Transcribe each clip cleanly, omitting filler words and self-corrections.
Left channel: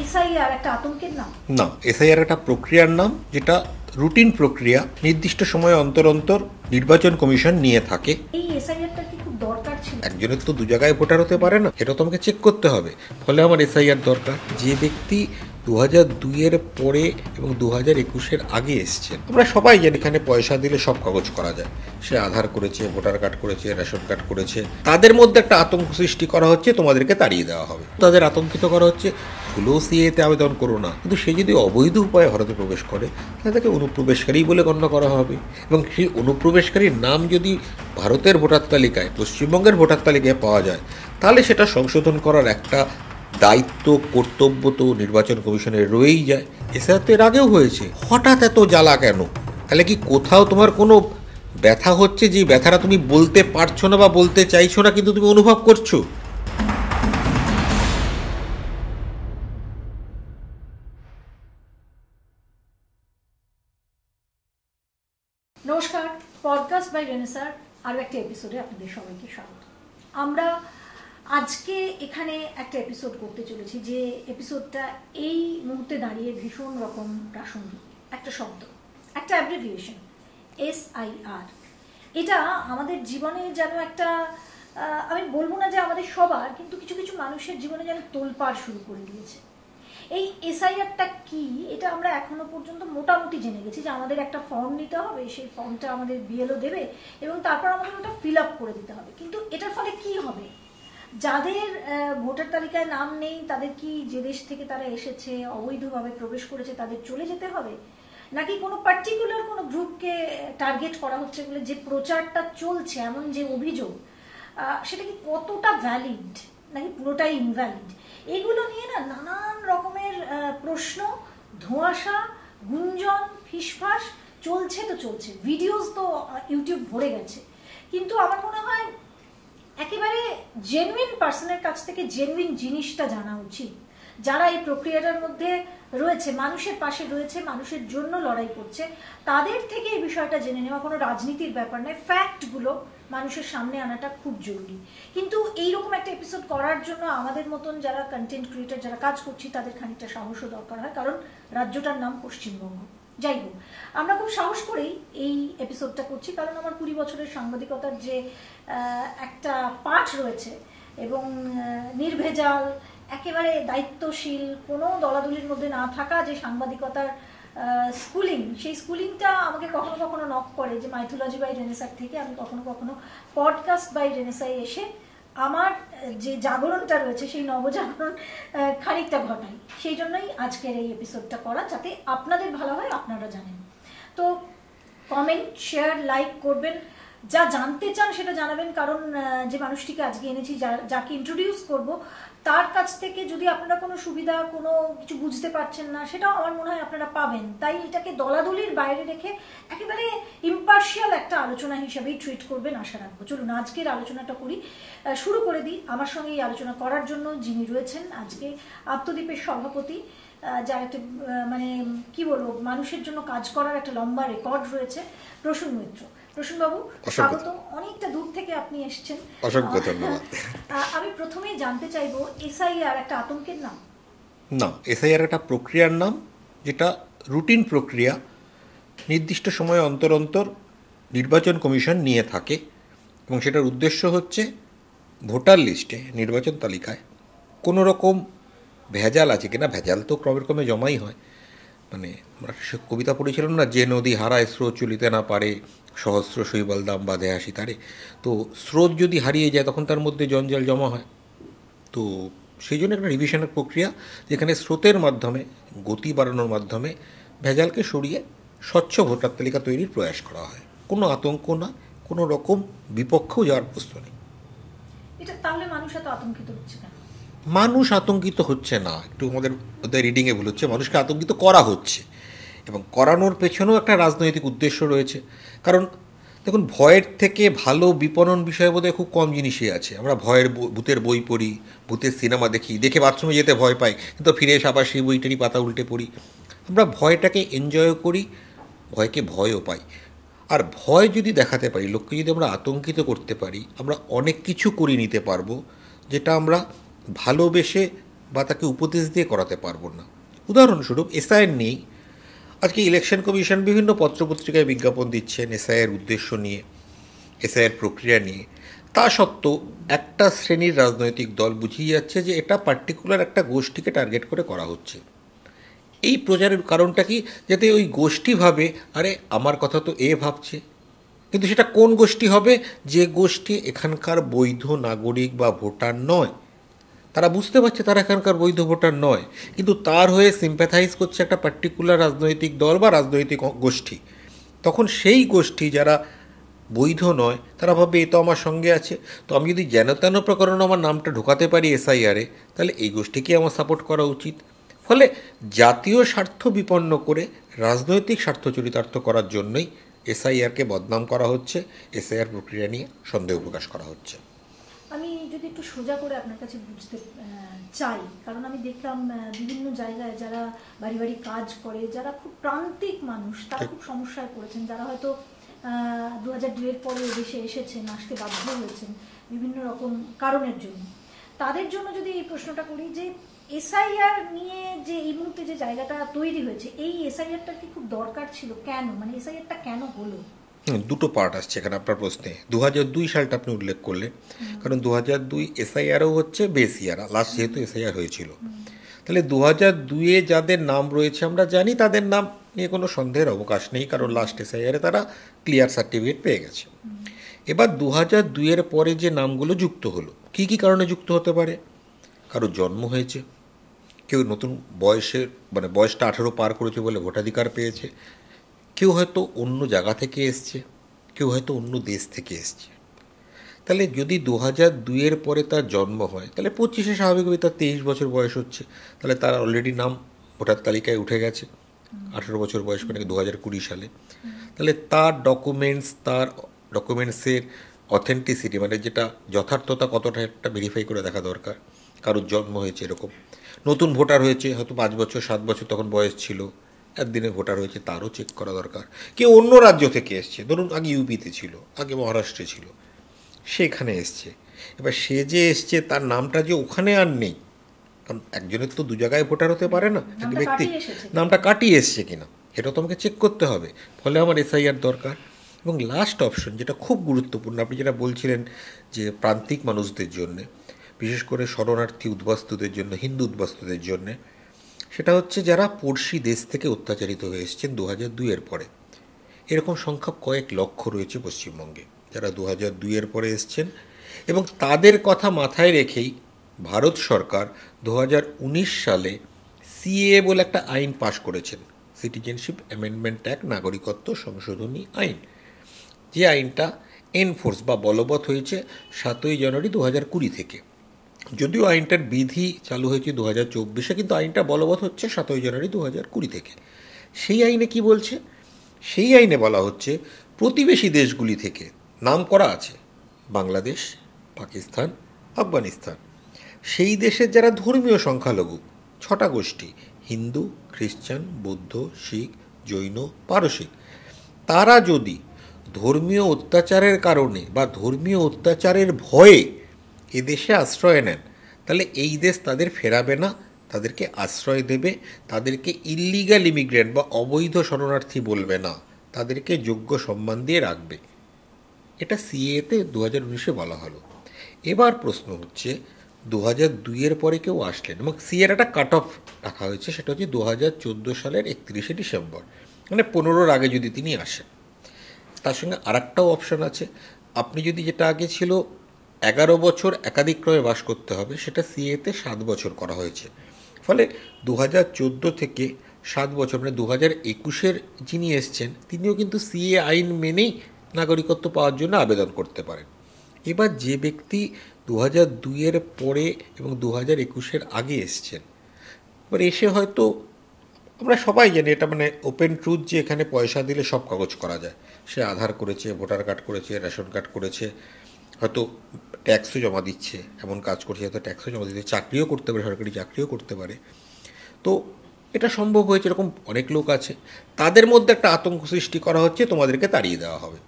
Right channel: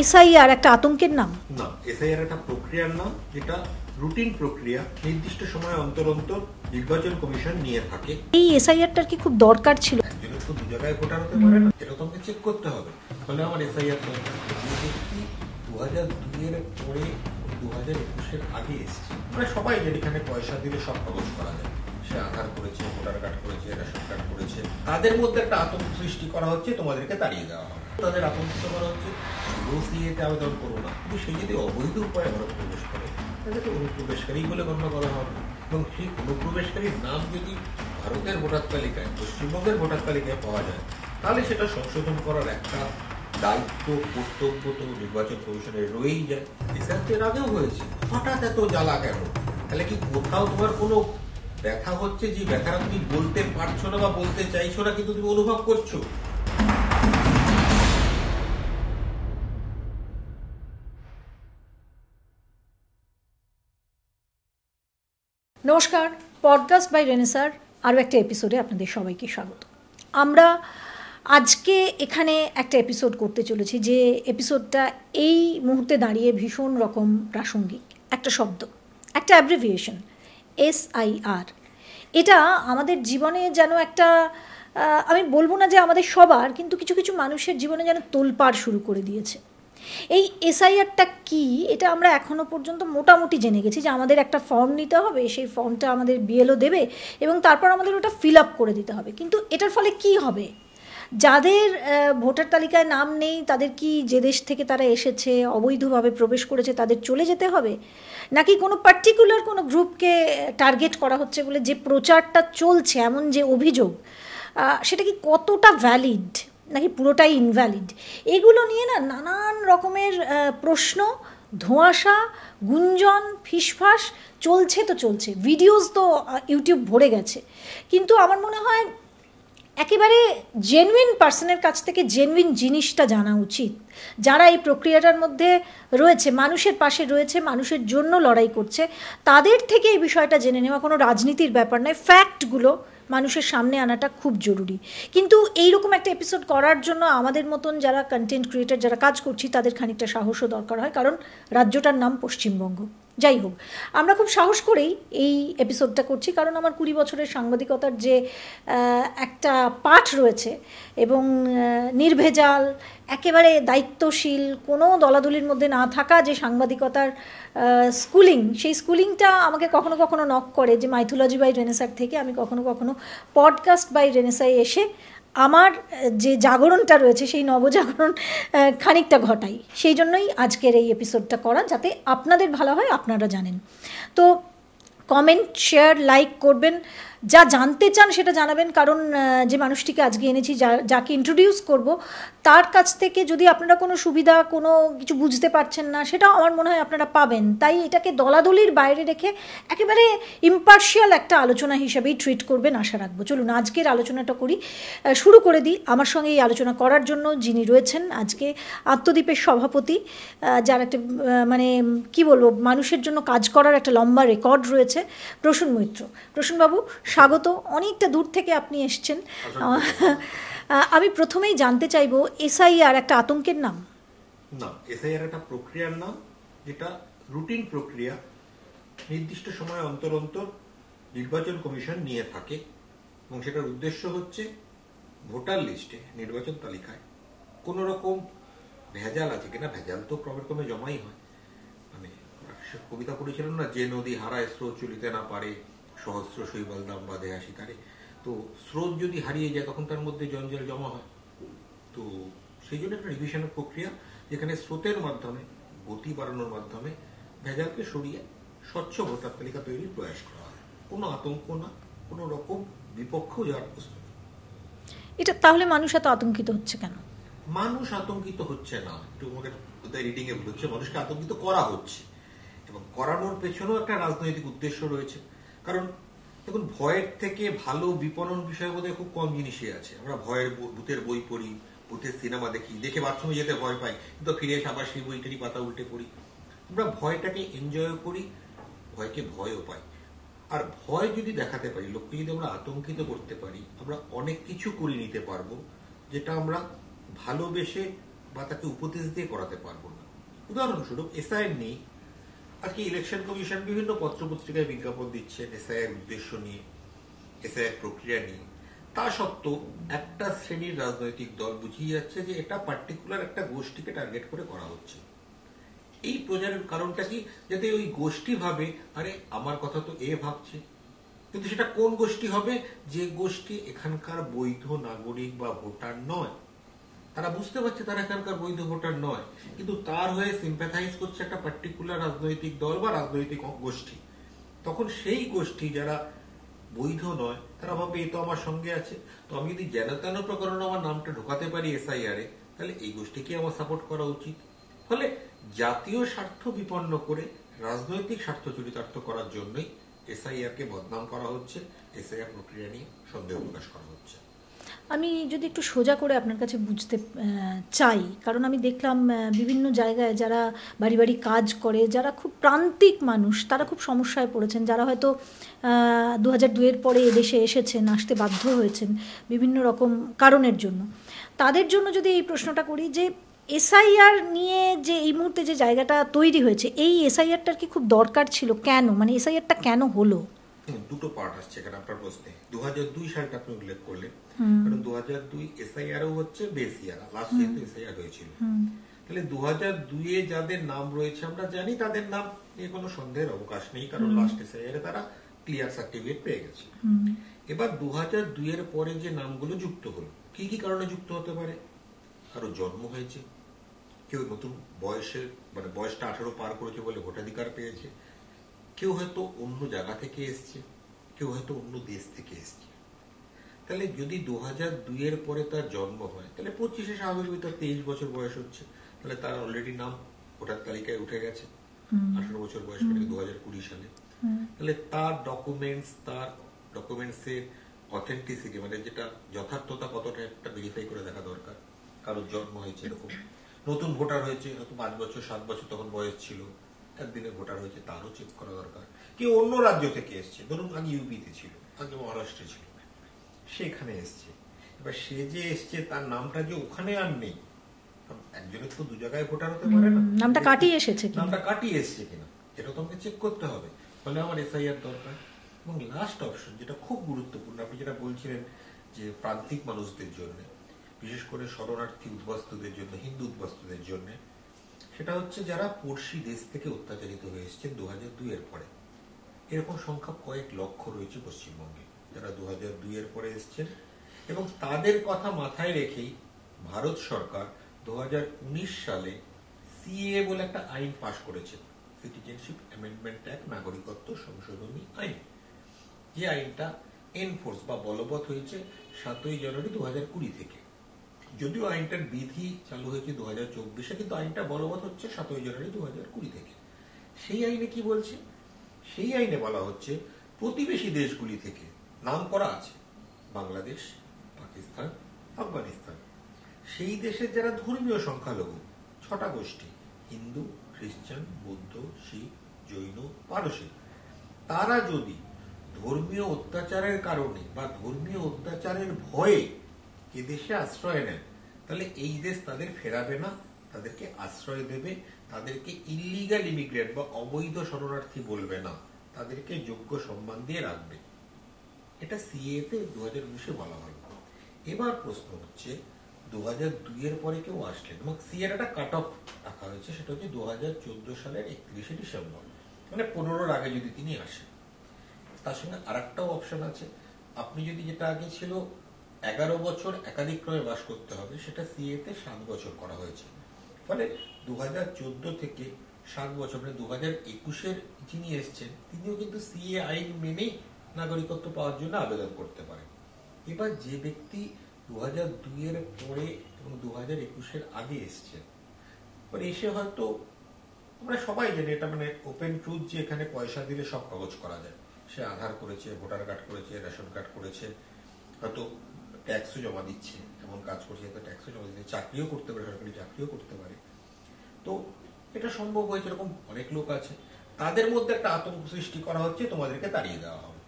SIR একটা আতঙ্কের নাম? না, এসআইআর একটা প্রক্রিয়ার নাম, যেটা রুটিন প্রক্রিয়া, নির্দিষ্ট সময় অন্তর অন্তর নির্বাচন কমিশন নিয়ে থাকে। এই এসআইআরটার কি খুব দরকার ছিল? একজনের তো দু জায়গায় ভোটার হতে পারে না, এটা তো আমাকে চেক করতে হবে। ফলে আমার এসআইআর দরকার। যে ব্যক্তি 2002-এর পরে এবং 2021-এর আগে এসছে, আমরা সবাই জানি এখানে পয়সা দিলে সব কাগজ করা যায়। সে আধার করেছে, ভোটার কার্ড করেছে, রেশন কার্ড করেছে, তাদের মধ্যে একটা আতঙ্ক সৃষ্টি করা হচ্ছে, তোমাদেরকে তাড়িয়ে দেওয়া হবে। তাদের আতঙ্কিত করা হচ্ছে, ভুলো সিএতে আবেদন করো না। কিন্তু সে যদি অবৈধ উপায়ে ভারতে প্রবেশ করে, তাদেরকে অনুপ্রবেশকারী বলে গণ্য করা হবে। এবং সেই অনুপ্রবেশকারীর নাম যদি ভারতের ভোটার তালিকায়, পশ্চিমবঙ্গের ভোটার তালিকায় পাওয়া যায়, তাহলে সেটা সংশোধন করার একটা দায়িত্ব, কর্তব্য তো নির্বাচন কমিশনের রয়েই যায়। এছাড়া তো এর আগেও হয়েছে। হঠাৎ এত জ্বালা কেন? তাহলে কি কোথাও তোমার কোনো ব্যথা হচ্ছে, যে ব্যথাটা তুমি বলতে পারছো না বা বলতে চাইছো না, কিন্তু তুমি অনুভব করছো? নমস্কার, পডকাস্ট বাই রেনেসার আরও একটা এপিসোডে আপনাদের সবাইকে স্বাগত। আমরা আজকে এখানে একটা এপিসোড করতে চলেছি, যে এপিসোডটা এই মুহূর্তে দাঁড়িয়ে ভীষণ রকম প্রাসঙ্গিক। একটা শব্দ, একটা অ্যাব্রিভিয়েশন, এসআইআর। এটা আমাদের জীবনে যেন একটা, আমি বলবো না যে আমাদের সবার, কিন্তু কিছু কিছু মানুষের জীবনে যেন তোলপাড় শুরু করে দিয়েছে। এই এসআইআরটা কি, এটা আমরা এখনও পর্যন্ত মোটামুটি জেনে গেছি যে আমাদের একটা ফর্ম নিতে হবে, সেই ফর্মটা আমাদের বিএলও দেবে এবং তারপর আমাদের ওটা ফিল আপ করে দিতে হবে। কিন্তু এটার ফলে কি হবে? যাদের ভোটার তালিকায় নাম নেই, তাদের কি, যে দেশ থেকে তারা এসেছে, অবৈধভাবে প্রবেশ করেছে, তাদের চলে যেতে হবে? নাকি কোনো পার্টিকুলার কোনো গ্রুপকে টার্গেট করা হচ্ছে বলে যে প্রচারটা চলছে, এমন যে অভিযোগ, সেটা কি কতটা ভ্যালিড নাকি পুরোটাই ইনভ্যালিড? এগুলো নিয়ে না নানান রকমের প্রশ্ন, ধোঁয়াশা, গুঞ্জন, ফিসফাস চলছে তো চলছে। ভিডিওস তো ইউটিউব ভরে গেছে। কিন্তু আমার মনে হয় একেবারে জেনুইন পার্সনের কাছ থেকে জেনুইন জিনিসটা জানা উচিত। যারা এই প্রক্রিয়াটার মধ্যে রয়েছে, মানুষের পাশে রয়েছে, মানুষের জন্য লড়াই করছে, তাদের থেকে এই বিষয়টা জেনে নেওয়া। কোনো রাজনীতির ব্যাপার নয়, ফ্যাক্টগুলো মানুষের সামনে আনাটা খুব জরুরি। কিন্তু এইরকম একটা এপিসোড করার জন্য আমাদের মতন যারা কন্টেন্ট ক্রিয়েটার, যারা কাজ করছি, তাদের খানিকটা সাহসও দরকার হয়, কারণ রাজ্যটার নাম পশ্চিমবঙ্গ। যাই হোক, আমরা খুব সাহস করেই এই এপিসোডটা করছি, কারণ আমার 20 বছরের সাংবাদিকতার যে একটা পাঠ রয়েছে এবং নির্ভেজাল, একেবারে দায়িত্বশীল, কোনো দলাদলির মধ্যে না থাকা যে সাংবাদিকতার স্কুলিং, সেই স্কুলিংটা আমাকে কখনো কখনো নক করে, যে মাইথোলজি বাই রেনেসার থেকে আমি কখনো কখনো পডকাস্ট বাই রেনেসায় এসে আমার যে জাগরণটা রয়েছে, সেই নবজাগরণ খানিকটা ঘটাই। সেই জন্যই আজকের এই এপিসোডটা করা, যাতে আপনাদের ভালো হয়, আপনারা জানেন। তো কমেন্ট, শেয়ার, লাইক করবেন, যা জানতে চান সেটা জানাবেন, কারণ যে মানুষটিকে আজকে এনেছি, যাকে ইন্ট্রোডিউস করব, তার কাছ থেকে যদি আপনারা কোনো সুবিধা, কোনো কিছু বুঝতে পারছেন না, সেটাও আমার মনে হয় আপনারা পাবেন। তাই এটাকে দলাদলির বাইরে রেখে একেবারে ইম্পার্শিয়াল একটা আলোচনা হিসেবেই ট্রিট করবেন আশা রাখবো। চলুন আজকের আলোচনাটা করি, শুরু করে দিই। আমার সঙ্গে এই আলোচনা করার জন্য যিনি রয়েছেন আজকে, আত্মদ্বীপের সভাপতি, যার একটা মানে কি বলবো, মানুষের জন্য কাজ করার একটা লম্বা রেকর্ড রয়েছে, প্রসূন মৈত্র। প্রসূনবাবু, স্বাগত। অনেকটা দূর থেকে আপনি এসছেন। আমি প্রথমেই জানতে চাইবো, এসআইআর একটা আতঙ্কের নাম? না, এসআইআর একটা প্রক্রিয়ার নাম, যেটা রুটিন প্রক্রিয়া, নির্দিষ্ট সময় অন্তর অন্তর নির্বাচন কমিশন নিয়ে থাকে। এবং সেটার উদ্দেশ্য হচ্ছে ভোটার লিস্টে, নির্বাচন তালিকায় কোনো রকম ভেজাল আছে কিনা। ভেজাল তো ক্রমে ক্রমে জমাই হয়। মানে আমরা কবিতা পড়েছিলাম না, যে নদী হারায় স্রোত চলিতে না পারে, সহস্র শৈবাল দাম বাঁধে আসি তারে। তো স্রোত যদি হারিয়ে যায়, তখন তার মধ্যে জঞ্জাল জমা হয়। তো সেই জন্য একটা রিভিশনের প্রক্রিয়া, যেখানে স্রোতের মাধ্যমে, গতি বাড়ানোর মাধ্যমে ভেজালকে সরিয়ে স্বচ্ছ ভোটার তালিকা তৈরির প্রয়াস করা হয়। কোনো আতঙ্ক না, কোনো রকম বিপক্ষেও যাওয়ার প্রশ্ন নেই। এটা তাহলে মানুষ এত আতঙ্কিত হচ্ছে কেন? মানুষ আতঙ্কিত হচ্ছে না, একটু আমাদের রিডিংয়ে ভুল হচ্ছে। মানুষকে আতঙ্কিত করা হচ্ছে, এবং করানোর পেছনেও একটা রাজনৈতিক উদ্দেশ্য রয়েছে। কারণ দেখুন, ভয়ের থেকে ভালো বিপণন বিষয় বোধহয় খুব কম জিনিসই আছে। আমরা ভূতের বই পড়ি, ভূতের সিনেমা দেখে বাথরুমে যেতে ভয় পাই, কিন্তু ফিরে এসে আবার সেই বইটারই পাতা উল্টে পড়ি। আমরা ভয়টাকে এনজয়ও করি, ভয়কে ভয়ও পাই। আর ভয় যদি দেখাতে পারি, লোককে যদি আমরা আতঙ্কিত করতে পারি, আমরা অনেক কিছু করে নিতে পারবো, যেটা আমরা ভালোবেসে বা তাকে উপদেশ দিয়ে করাতে পারবো না। উদাহরণস্বরূপ এসআইআর নেই, আজকে ইলেকশন কমিশন বিভিন্ন পত্রপত্রিকায় বিজ্ঞাপন দিচ্ছেন এসআইআর উদ্দেশ্য নিয়ে, এসআইআর প্রক্রিয়া নিয়ে। তা সত্ত্বেও একটা শ্রেণীর রাজনৈতিক দল বুঝিয়ে যাচ্ছে যে এটা পার্টিকুলার একটা গোষ্ঠীকে টার্গেট করে করা হচ্ছে। এই প্রচারের কারণটা কি? যাতে ওই গোষ্ঠী ভাবে আরে আমার কথা তো এ ভাবছে, কিন্তু সেটা কোন গোষ্ঠী হবে? যে গোষ্ঠী এখানকার বৈধ নাগরিক বা ভোটার নয়। তারা বুঝতে পারছে তারা এখানকার বৈধ ভোটার নয়, কিন্তু তার হয়ে সিম্প্যাথাইজ করছে একটা পার্টিকুলার রাজনৈতিক দল বা রাজনৈতিক গোষ্ঠী। তখন সেই গোষ্ঠী যারা বৈধ নয় তারা ভাববে এ তো আমার সঙ্গে আছে, তো আমি যদি যেন তেন প্রকরণে আমার নামটা ঢোকাতে পারি এসআইআরে, তাহলে এই গোষ্ঠীকে আমার সাপোর্ট করা উচিত। ফলে জাতীয় স্বার্থ বিপন্ন করে রাজনৈতিক স্বার্থ চরিতার্থ করার জন্যই এসআইআরকে বদনাম করা হচ্ছে, এসআইআর প্রক্রিয়া নিয়ে সন্দেহ প্রকাশ করা হচ্ছে। আমি যদি একটু সোজা করে আপনার কাছে বুঝতে চাই, কারণ আমি দেখলাম বিভিন্ন জায়গায় যারা বাড়ি বাড়ি কাজ করে, যারা খুব প্রান্তিক মানুষ, তারা খুব সমস্যায় পড়েছেন, যারা হয়তো 2002-এর পরে এদেশে এসেছেন, আসতে বাধ্য হয়েছেন বিভিন্ন রকম কারণের জন্য। তাদের জন্য যদি এই প্রশ্নটা করি যে এসআইআর নিয়ে যে এই মুহূর্তে যে জায়গাটা তৈরি হয়েছে, এই এসআইআরটার কি খুব দরকার ছিল? কেন, মানে এসআইআরটা কেন হলো? দুটো পার্ট আসছে এখানে আপনার প্রশ্নে। 2002 সালটা আপনি উল্লেখ করলেন, কারণ 2002 এসআইআরও হচ্ছে বেস ইয়ার, লাস্ট যেহেতু এসআইআর হয়েছিল। তাহলে 2002-এ যাদের নাম রয়েছে আমরা জানি, তাদের নাম নিয়ে কোনো সন্দেহের অবকাশ নেই, কারণ লাস্ট এসআইআরে তারা ক্লিয়ার সার্টিফিকেট পেয়ে গেছে। এবার 2002-এর পরে যে নামগুলো যুক্ত হলো, কী কী কারণে যুক্ত হতে পারে? কারো জন্ম হয়েছে, কেউ নতুন বয়সের মানে বয়সটা 18 পার করেছে বলে ভোটাধিকার পেয়েছে, কেউ হয়তো অন্য জায়গা থেকে এসছে, কেউ হয়তো অন্য দেশ থেকে এসছে। তাহলে যদি 2002-এর পরে তার জন্ম হয়, তাহলে 25-এ স্বাভাবিকভাবে তার 23 বছর বয়স হচ্ছে, তাহলে তার অলরেডি নাম ভোটার তালিকায় উঠে গেছে 18 বছর বয়স করে 2020 সালে। তাহলে তার ডকুমেন্টসের অথেন্টিসিটি মানে যেটা যথার্থতা কতটা একটা ভেরিফাই করে দেখা দরকার। কারোর জন্ম হয়েছে এরকম, নতুন ভোটার হয়েছে হয়তো 5 বছর 7 বছর তখন বয়স ছিল, একদিনে ভোটার হয়েছে, তারও চেক করা দরকার। কেউ অন্য রাজ্য থেকে এসছে, ধরুন আগে ইউপিতে ছিল, আগে মহারাষ্ট্রে ছিল, সেখানে এসছে। এবার সে যে এসছে তার নামটা যে ওখানে আর নেই, কারণ একজনের তো দু জায়গায় ভোটার হতে পারে না, নামটা কাটিয়ে এসছে কিনা এটা তো আমাকে চেক করতে হবে। ফলে আমার এসআইআর দরকার। এবং লাস্ট অপশন যেটা খুব গুরুত্বপূর্ণ, আপনি যেটা বলছিলেন যে প্রান্তিক মানুষদের জন্যে, বিশেষ করে শরণার্থী উদ্বাস্তুদের জন্য, হিন্দু উদ্বাস্তুদের জন্যে, সেটা হচ্ছে যারা পড়শি দেশ থেকে অত্যাচারিত হয়ে এসেছেন 2002-এর পরে। এরকম সংখ্যা কয়েক লক্ষ রয়েছে পশ্চিমবঙ্গে যারা 2002-এর পরে এসছেন, এবং তাদের কথা মাথায় রেখেই ভারত সরকার 2019 সালে সিএএ বলে একটা আইন পাশ করেছেন, সিটিজেনশিপ অ্যামেন্ডমেন্ট অ্যাক্ট, নাগরিকত্ব সংশোধনী আইন। যে আইনটা এনফোর্স বা বলবৎ হয়েছে 7ই জানুয়ারি 2020 থেকে। যদিও আইনটার বিধি চালু হয়েছে 2024-এ, কিন্তু আইনটা বলবৎ হচ্ছে 7ই জানুয়ারি 2020 থেকে। সেই আইনে কি বলছে? সেই আইনে বলা হচ্ছে প্রতিবেশী দেশগুলি থেকে নাম করা আছে বাংলাদেশ, পাকিস্তান, আফগানিস্তান, সেই দেশের যারা ধর্মীয় সংখ্যালঘু 6টা গোষ্ঠী, হিন্দু, খ্রিস্টান, বৌদ্ধ, শিখ, জৈন, পারসিক, তারা যদি ধর্মীয় অত্যাচারের কারণে বা ধর্মীয় অত্যাচারের ভয়ে এদেশে আশ্রয় নেন, তাহলে এই দেশ তাদের ফেরাবে না, তাদেরকে আশ্রয় দেবে, তাদেরকে ইল্লিগাল ইমিগ্রেন্ট বা অবৈধ শরণার্থী বলবে না, তাদেরকে যোগ্য সম্মান দিয়ে রাখবে। এটা সিএতে 2019-এ বলা হলো। এবার প্রশ্ন হচ্ছে 2002-এর পরে কেউ আসলেন এবং সিএর একটা কাট অফ রাখা হয়েছে, সেটা হচ্ছে 2014 সালের 31শে ডিসেম্বর, মানে 15-র আগে যদি তিনি আসেন। তার সঙ্গে আরেকটাও অপশান আছে, আপনি যদি যেটা আগে ছিল 11 বছর একাধিক্রমে বাস করতে হবে, সেটা সিএতে 7 বছর করা হয়েছে। ফলে 2014 থেকে 7 বছর মানে 2021-এর যিনি এসছেন তিনিও কিন্তু সিএ আইন মেনেই নাগরিকত্ব পাওয়ার জন্য আবেদন করতে পারেন। এবার যে ব্যক্তি 2002-এর পরে এবং 2021-এর আগে এসছেন, এবার এসে হয়তো আমরা সবাই জানি এটা মানে ওপেন ট্রুথ যে এখানে পয়সা দিলে সব কাগজ করা যায়। সে আধার করেছে, ভোটার কার্ড করেছে, রেশন কার্ড করেছে, হয়তো ট্যাক্সও জমা দিচ্ছে, এমন কাজ করছে হয়তো ট্যাক্সও জমা দিচ্ছে, চাকরিও করতে পারে, সরকারি চাকরিও করতে পারে। তো এটা সম্ভব হয়েছে, এরকম অনেক লোক আছে। তাদের মধ্যে একটা আতঙ্ক সৃষ্টি করা হচ্ছে তোমাদেরকে তাড়িয়ে দেওয়া হবে।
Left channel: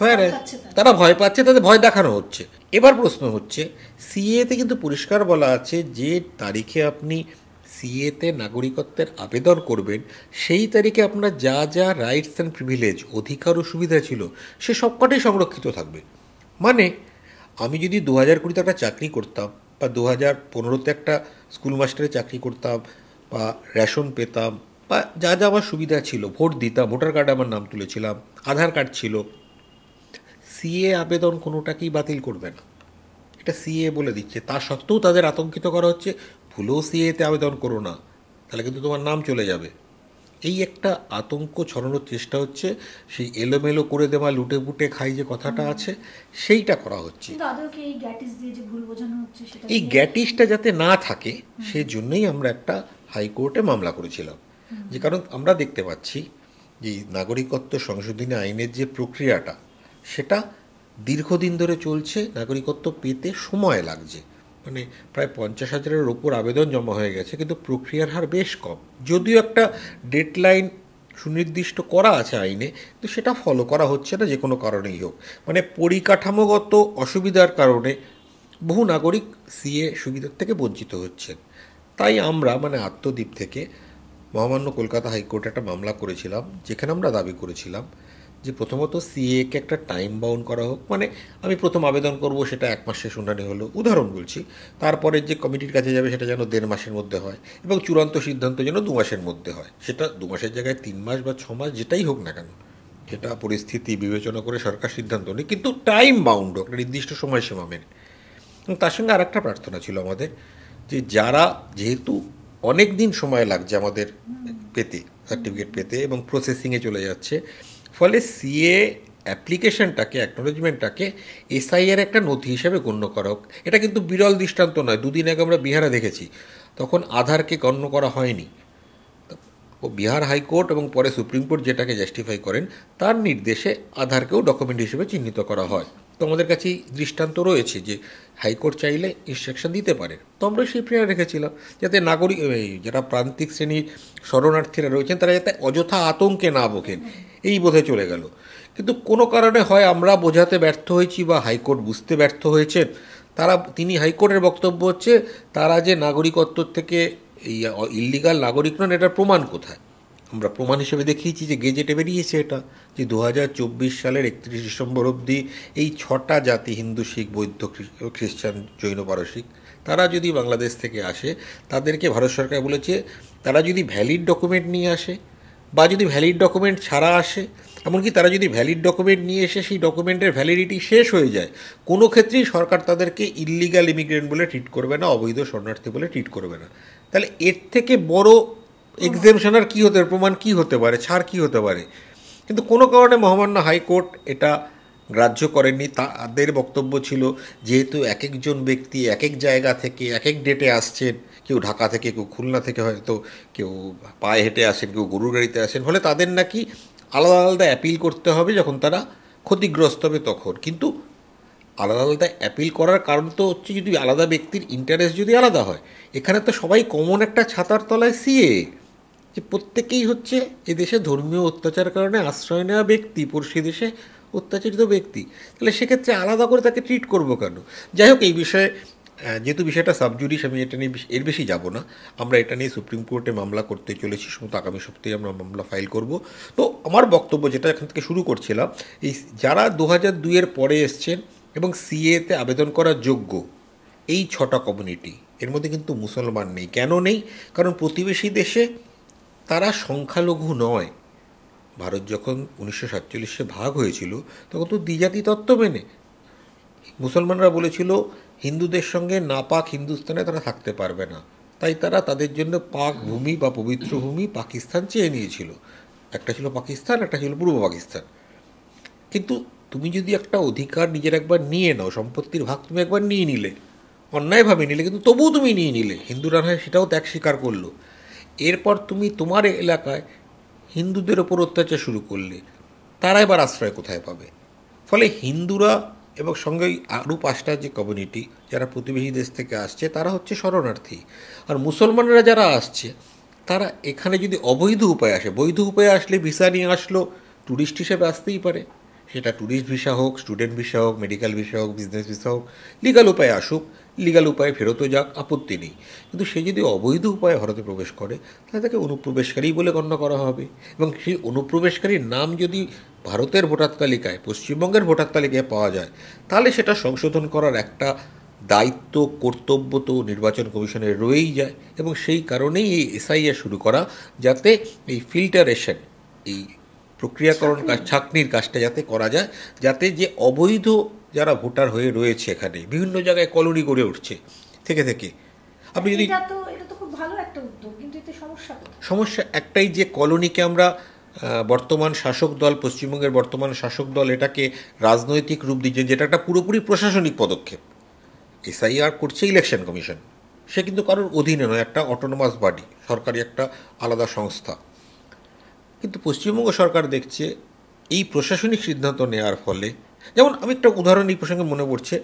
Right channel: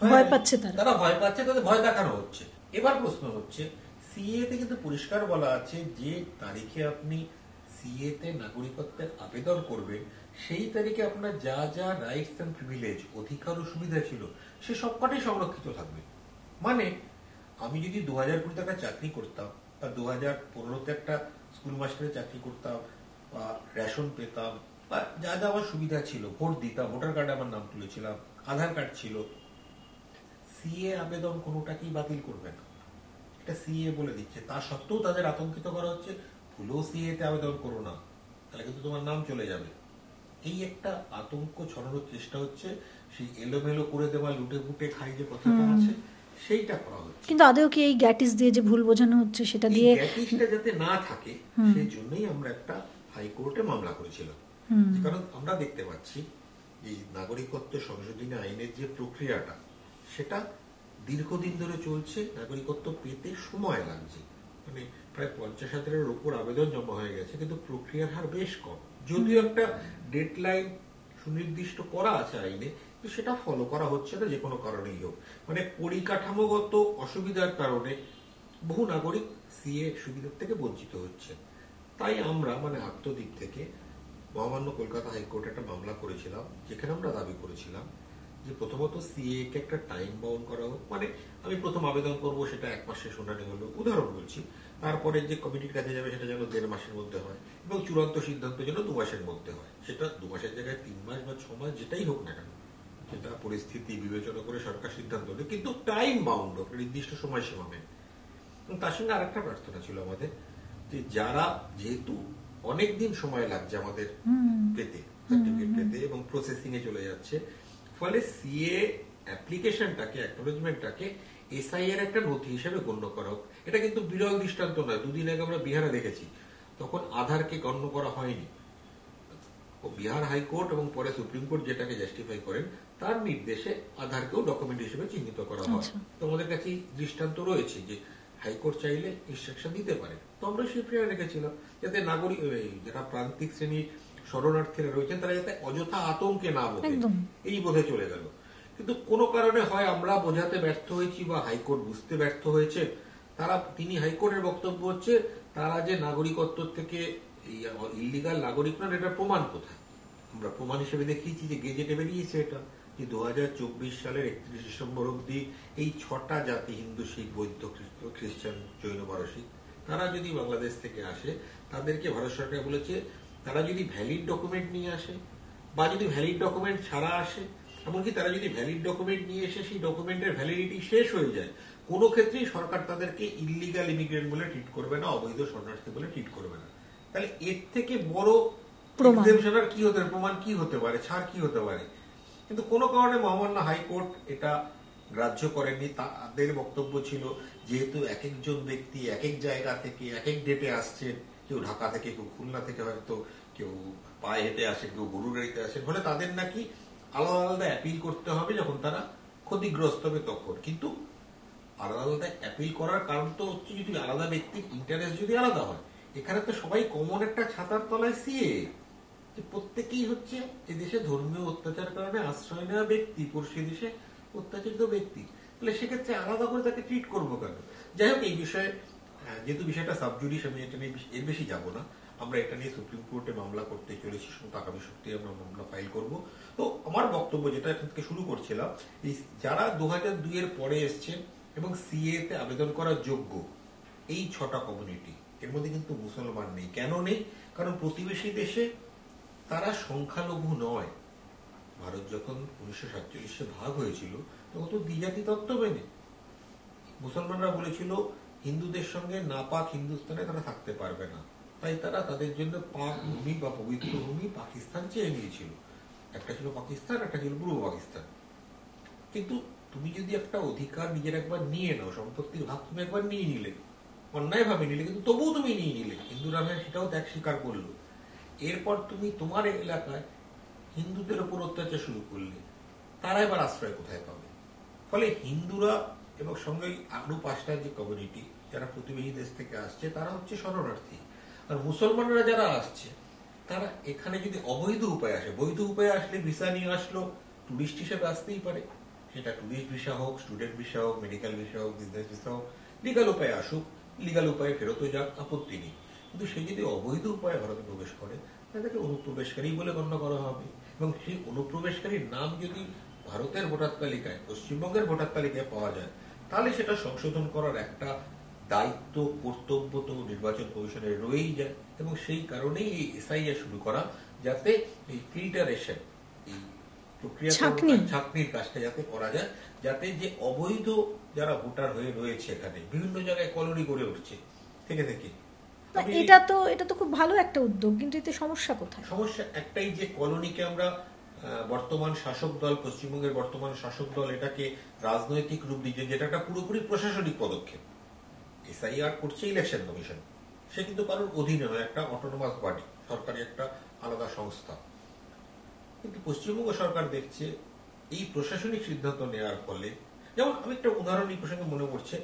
ভয় পাচ্ছে তারা ভয় পাচ্ছে, তাদের ভয় দেখানো হচ্ছে। এবার প্রশ্ন হচ্ছে, সিএতে কিন্তু পরিষ্কার বলা আছে যে তারিখে আপনি সিএতে নাগরিকত্বের আবেদন করবেন সেই তারিখে আপনার যা যা রাইটস অ্যান্ড প্রিভিলেজ, অধিকার ও সুবিধা ছিল সে সবকটাই সংরক্ষিত থাকবে। মানে আমি যদি 2020-তে একটা চাকরি করতাম বা 2015-তে একটা স্কুল মাস্টারের চাকরি করতাম বা রেশন পেতাম বা যা যা আমার সুবিধা ছিল, ভোট দিতাম, ভোটার কার্ডে আমার নাম তুলেছিলাম, আধার কার্ড ছিল, সিএ আবেদন কোনোটাকেই বাতিল করবে না, এটা সিএ বলে দিচ্ছে। তা সত্ত্বেও তাদের আতঙ্কিত করা হচ্ছে, ভুলেও সিএতে আবেদন করো না, তাহলে কিন্তু তোমার নাম চলে যাবে। এই একটা আতঙ্ক ছড়ানোর চেষ্টা হচ্ছে, সেই এলোমেলো করে দেওয়া লুটে পুটে খাই যে কথাটা আছে সেইটা করা হচ্ছে। কিন্তু আদৌ কি এই গ্যাটিস দিয়ে যে ভুল বোঝানো হচ্ছে সেটা এই গ্যাটিসটা যাতে না থাকে সেই জন্যই আমরা একটা হাইকোর্টে মামলা করেছিলাম। যে কারণ আমরা দেখতে পাচ্ছি যে নাগরিকত্ব সংশোধনী আইনের যে প্রক্রিয়াটা সেটা দীর্ঘদিন ধরে চলছে, নাগরিকত্ব পেতে সময় লাগছে, মানে প্রায় 50,000-এর ওপর আবেদন জমা হয়ে গেছে, কিন্তু প্রক্রিয়ার হার বেশ কম। যদিও একটা ডেডলাইন সুনির্দিষ্ট করা আছে আইনে, তো সেটা ফলো করা হচ্ছে না যে কোনো কারণেই হোক। মানে পরিকাঠামোগত অসুবিধার কারণে বহু নাগরিক সিএ সুবিধার থেকে বঞ্চিত হচ্ছেন। তাই আমরা মানে আত্মদ্বীপ থেকে মহামান্য কলকাতা হাইকোর্টে একটা মামলা করেছিলাম, যেখানে আমরা দাবি করেছিলাম যে প্রথমত সিএকে একটা টাইম বাউন্ড করা হোক। মানে আমি প্রথম আবেদন করব, সেটা 1 মাসে শুনানি হলো, উদাহরণ বলছি, তারপরে যে কমিটির কাছে যাবে সেটা যেন 1.5 মাসের মধ্যে হয়, এবং চূড়ান্ত সিদ্ধান্ত যেন 2 মাসের মধ্যে হয়। সেটা 2 মাসের জায়গায় 3 মাস বা 6 মাস যেটাই হোক না কেন, সেটা পরিস্থিতি বিবেচনা করে সরকার সিদ্ধান্ত নেই, কিন্তু টাইম বাউন্ড হোক, নির্দিষ্ট সময়সীমা মেনে। এবং তার সঙ্গে আর একটা প্রার্থনা ছিল আমাদের, যে যারা, যেহেতু অনেক দিন সময় লাগছে আমাদের পেতে, সার্টিফিকেট পেতে, এবং প্রসেসিংয়ে চলে যাচ্ছে, ফলে সিএ অ্যাপ্লিকেশনটাকে, অ্যাকনোলেজমেন্টটাকে এসআইয়ের একটা নথি হিসেবে গণ্য করা হোক। এটা কিন্তু বিরল দৃষ্টান্ত নয়, 2 দিন আগে আমরা বিহারে দেখেছি, তখন আধারকে গণ্য করা হয়নি। ও বিহার হাইকোর্ট এবং পরে সুপ্রিম কোর্ট যেটাকে জাস্টিফাই করেন, তার নির্দেশে আধারকেও ডকুমেন্ট হিসেবে চিহ্নিত করা হয়। তো আমাদের কাছেই দৃষ্টান্ত রয়েছে যে হাইকোর্ট চাইলে ইনস্ট্রাকশন দিতে পারে। তো আমরা সেই প্রেরণা রেখেছিলাম যাতে নাগরিক, যারা প্রান্তিক শ্রেণীর শরণার্থীরা রয়েছেন, তারা যাতে অযথা আতঙ্কে না ভোগেন, এই বোধে চলে গেল। কিন্তু কোনো কারণে হয় আমরা বোঝাতে ব্যর্থ হয়েছি বা হাইকোর্ট বুঝতে ব্যর্থ হয়েছেন। তিনি হাইকোর্টের বক্তব্য হচ্ছে তারা যে নাগরিকত্ব থেকে এই ইল্লিগাল নাগরিক নন, এটার প্রমাণ কোথায়? আমরা প্রমাণ হিসেবে দেখিয়েছি যে গেজেটে বেরিয়েছে এটা, যে 2024 সালের 31 ডিসেম্বর অবধি এই 6টা জাতি, হিন্দু, শিখ, বৌদ্ধ, খ্রিস্টান, জৈন, পারসিক, তারা যদি বাংলাদেশ থেকে আসে, তাদেরকে ভারত সরকার বলেছে তারা যদি ভ্যালিড ডকুমেন্ট নিয়ে আসে বা যদি ভ্যালিড ডকুমেন্ট ছাড়া আসে, এমনকি তারা যদি ভ্যালিড ডকুমেন্ট নিয়ে এসে সেই ডকুমেন্টের ভ্যালিডিটি শেষ হয়ে যায়, কোনো ক্ষেত্রেই সরকার তাদেরকে ইল্লিগাল ইমিগ্রেন্ট বলে ট্রিট করবে না, অবৈধ শরণার্থী বলে ট্রিট করবে না। তাহলে এর থেকে বড় এক্সেমশন আর কী হতে পারে, প্রমাণ কী হতে পারে, ছাড় কী হতে পারে? কিন্তু কোনো কারণে মহামান্য হাইকোর্ট এটা গ্রাহ্য করেননি। তাদের বক্তব্য ছিল যেহেতু এক একজন ব্যক্তি এক এক জায়গা থেকে এক এক ডেটে আসছেন, কেউ ঢাকা থেকে, কেউ খুলনা থেকে, হয়তো কেউ পায়ে হেঁটে আসেন, কেউ গরুর গাড়িতে আসেন, ফলে তাদের নাকি আলাদা আলাদা অ্যাপিল করতে হবে যখন তারা ক্ষতিগ্রস্ত হবে তখন। কিন্তু আলাদা আলাদা অ্যাপিল করার কারণ তো হচ্ছে যদি আলাদা ব্যক্তির ইন্টারেস্ট যদি আলাদা হয়। এখানে তো সবাই কমন একটা ছাতার তলায় সিএ, যে প্রত্যেকেই হচ্ছে এদেশে ধর্মীয় অত্যাচারের কারণে আশ্রয় নেওয়া ব্যক্তি, পড়শি দেশে অত্যাচারিত ব্যক্তি, তাহলে সেক্ষেত্রে আলাদা করে তাকে ট্রিট করবো কেন? যাই হোক, এই বিষয়ে যেহেতু বিষয়টা সাবজুডিস, আমি এটা নিয়ে এর বেশি যাব না। আমরা এটা নিয়ে সুপ্রিম কোর্টে মামলা করতে চলেছি, সম্ভবত আগামী সপ্তাহে আমরা মামলা ফাইল করব। তো আমার বক্তব্য যেটা এখান থেকে শুরু করছিলাম, এই যারা 2002-এর পরে এসছেন এবং সিএতে আবেদন করার যোগ্য, এই 6টা কমিউনিটি, এর মধ্যে কিন্তু মুসলমান নেই। কেন নেই? কারণ প্রতিবেশী দেশে তারা সংখ্যালঘু নয়। ভারত যখন 1947-এ ভাগ হয়েছিল তখন তো দ্বিজাতি তত্ত্ব মেনে মুসলমানরা বলেছিল হিন্দুদের সঙ্গে নাপাক হিন্দুস্তানে তারা থাকতে পারবে না, তাই তারা তাদের জন্য পাক ভূমি বা পবিত্র ভূমি পাকিস্তান চেয়ে নিয়েছিল। একটা ছিল পাকিস্তান, একটা ছিল পূর্ব পাকিস্তান। কিন্তু তুমি যদি একটা অধিকার নিজের একবার নিয়ে নাও, সম্পত্তির ভাগ তুমি একবার নিয়ে নিলে, অন্যায়ভাবে নিলে, কিন্তু তবুও তুমি নিয়ে নিলে, হিন্দুরা সেটাও ত্যাগ স্বীকার করলো, এরপর তুমি তোমার এলাকায় হিন্দুদের ওপর অত্যাচার শুরু করলে, তারা এবার আশ্রয় কোথায় পাবে? ফলে হিন্দুরা এবং সঙ্গে আরও 5টা যে কমিউনিটি যারা প্রতিবেশী দেশ থেকে আসছে, তারা হচ্ছে শরণার্থী। আর মুসলমানরা যারা আসছে, তারা এখানে যদি অবৈধ উপায়ে আসে, বৈধ উপায়ে আসলে ভিসা নিয়ে আসলো, ট্যুরিস্ট হিসেবে আসতেই পারে, সেটা ট্যুরিস্ট ভিসা হোক, স্টুডেন্ট ভিসা হোক, মেডিকেল ভিসা হোক, বিজনেস ভিসা হোক, লিগাল উপায়ে আসুক, লিগাল উপায়ে ফেরতও যাক, আপত্তি নেই। কিন্তু সে যদি অবৈধ উপায়ে ভারতে প্রবেশ করে তাহলে তাকে অনুপ্রবেশকারী বলে গণ্য করা হবে। এবং সেই অনুপ্রবেশকারীর নাম যদি ভারতের ভোটার তালিকায়, পশ্চিমবঙ্গের ভোটার তালিকায় পাওয়া যায়, তাহলে সেটা সংশোধন করার একটা দায়িত্ব, কর্তব্য তো নির্বাচন কমিশনের রয়েই যায়। এবং সেই কারণেই এই এসআইআর শুরু করা, যাতে এই ফিল্টারেশন, এই প্রক্রিয়াকরণ কাজ, ছাঁকনির কাজটা যাতে করা যায়, যাতে যে অবৈধ যারা ভোটার হয়ে রয়েছে এখানে বিভিন্ন জায়গায় কলোনি গড়ে উঠছে থেকে থেকে, আপনি যদি এটা তো খুব ভালো একটা উদ্যোগ, কিন্তু এতে সমস্যা কোথায়? সমস্যা একটাই, যে কলোনিকে আমরা বর্তমান শাসক দল, পশ্চিমবঙ্গের বর্তমান শাসক দল এটাকে রাজনৈতিক রূপ দিচ্ছে, যেটা একটা পুরোপুরি প্রশাসনিক পদক্ষেপ। এসআইআর করছে ইলেকশন কমিশন, সে কিন্তু কারোর অধীনে নয়, একটা অটোনোমাস বডি, সরকারি একটা আলাদা সংস্থা। কিন্তু পশ্চিমবঙ্গ সরকার দেখছে এই প্রশাসনিক সিদ্ধান্ত নেওয়ার ফলে, যেমন আমি একটা উদাহরণ এই প্রসঙ্গে মনে পড়ছে,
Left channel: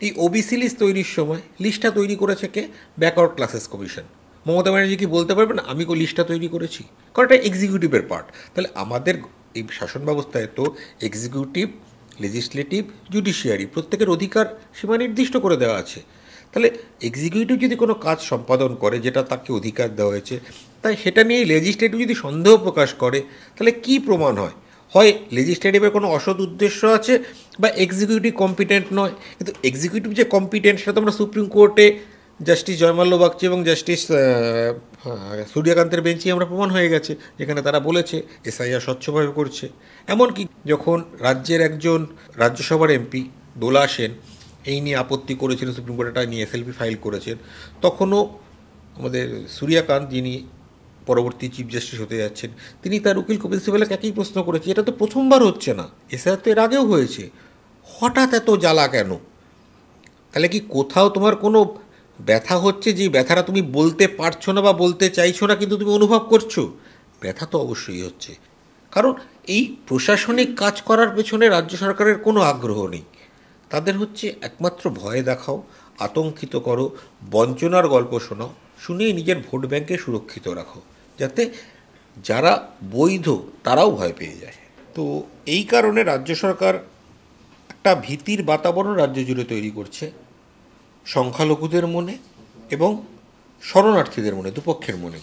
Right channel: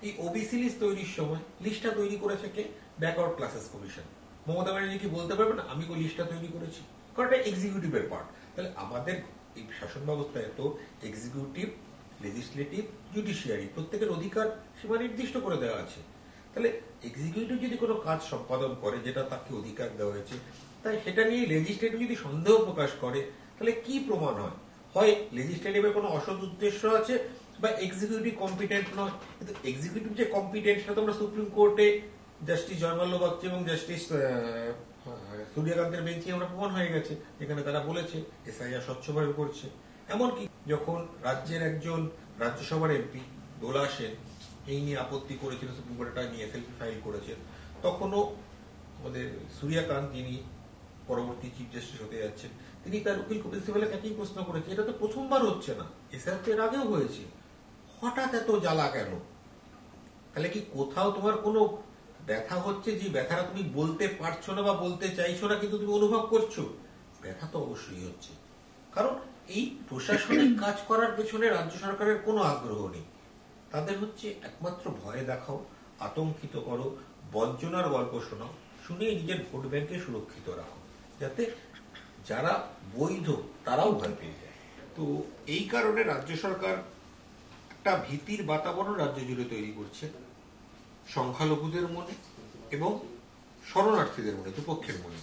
এই ওবিসি লিস্ট তৈরির সময় লিস্টটা তৈরি করেছে কে? Backward classes commission. Mamata Banerjee কি বলতে পারবে না আমি লিস্টটা তৈরি করেছি? কারণ এটা এক্সিকিউটিভের পার্ট। তাহলে আমাদের এই শাসন ব্যবস্থায় তো এক্সিকিউটিভ, লেজিসলেটিভ, জুডিশিয়ারি প্রত্যেকের অধিকার সীমা নির্দিষ্ট করে দেওয়া আছে। তাহলে এক্সিকিউটিভ যদি কোনো কাজ সম্পাদন করে যেটা তাকে অধিকার দেওয়া হয়েছে, তাই সেটা নিয়ে লেজিসলেটিভ যদি সন্দেহ প্রকাশ করে, তাহলে কি প্রমাণ হয়? হয় লেজিসলেটিভের কোনো অসৎ উদ্দেশ্য আছে, বা এক্সিকিউটিভ কম্পিটেন্ট নয়। কিন্তু এক্সিকিউটিভ যে কম্পিটেন্ট সেটা তো আমরা সুপ্রিম কোর্টে জাস্টিস জয়মাল্য বাগচি এবং জাস্টিস সূর্যকান্তের বেঞ্চে আমরা প্রমাণ হয়ে গেছে, যেখানে তারা বলেছে এসআইআর স্বচ্ছভাবে করছে। এমনকি যখন রাজ্যের একজন রাজ্যসভার এমপি দোলা সেন এই নিয়ে আপত্তি করেছিলেন, সুপ্রিম কোর্টে নিয়ে এসএলপি ফাইল করেছেন, তখনও আমাদের সূর্যকান্ত, যিনি পরবর্তী চিফ জাস্টিস হতে যাচ্ছেন, তিনি তার উকিল কপিল সিবালকে একই প্রশ্ন করেছে, এটা তো প্রথমবার হচ্ছে না, এসআইআর তো এর আগেও হয়েছে, হঠাৎ এত জ্বালা কেন? তাহলে কি কোথাও তোমার কোনো ব্যথা হচ্ছে, যে ব্যথাটা তুমি বলতে পারছো না বা বলতে চাইছো না, কিন্তু তুমি অনুভব করছো? ব্যথা তো অবশ্যই হচ্ছে, কারণ এই প্রশাসনিক কাজ করার পেছনে রাজ্য সরকারের কোনো আগ্রহ নেই। তাদের হচ্ছে একমাত্র ভয় দেখাও, আতঙ্কিত করো, বঞ্চনার গল্প শোনাও, শুনিয়ে নিজের ভোট ব্যাংকে সুরক্ষিত রাখো, যাতে যারা বৈধ তারাও ভয় পেয়ে যায়। তো এই কারণে রাজ্য সরকার একটা ভীতির বাতাবরণ রাজ্য জুড়ে তৈরি করছে, সংখ্যালঘুদের মনে এবং শরণার্থীদের মনে, দুপক্ষের মনে,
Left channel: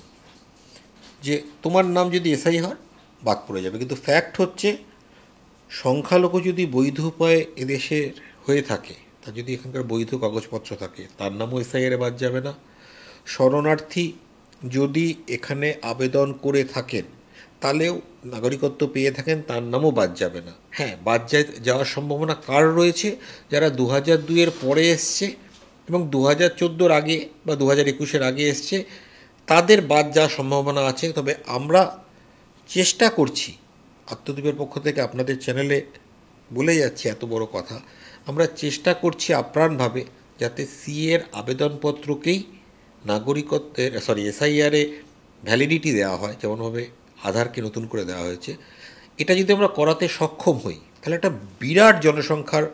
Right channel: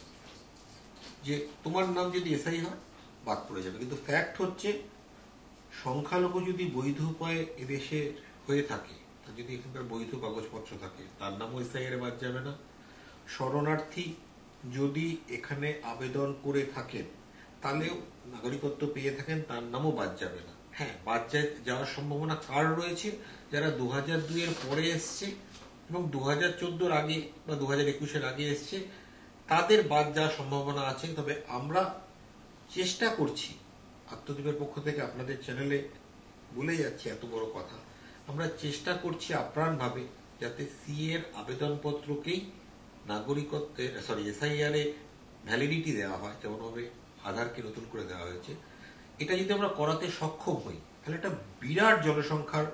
যে তোমার নাম যদি এসআই হয় বাদ পড়ে যাবে। কিন্তু ফ্যাক্ট হচ্ছে, সংখ্যালঘু যদি বৈধ উপায়ে এদেশের হয়ে থাকে, তার যদি এখানকার বৈধ কাগজপত্র থাকে, তার নামও এসআইআরে বাদ যাবে না। শরণার্থী যদি এখানে আবেদন করে থাকেন, তাহলেও নাগরিকত্ব পেয়ে থাকেন, তার নামও বাদ যাবে না। হ্যাঁ, বাদ যাওয়ার সম্ভাবনা কার রয়েছে? যারা 2002-এর পরে এসছে এবং 2014-র আগে বা 2021-এর আগে এসছে, তাদের বাদ যাওয়ার সম্ভাবনা আছে। তবে আমরা চেষ্টা করছি, আত্মদ্বীপের পক্ষ থেকে আপনাদের চ্যানেলে বলে যাচ্ছি এত বড় কথা, আমরা চেষ্টা করছি আপ্রাণভাবে যাতে সিএর আবেদনপত্রকেই নাগরিকত্বের এসআইআরে ভ্যালিডিটি দেওয়া হয়, যেমনভাবে আধারকে নতুন করে দেওয়া হয়েছে। এটা যদি আমরা করাতে সক্ষম হই, তাহলে একটা বিরাট জনসংখ্যার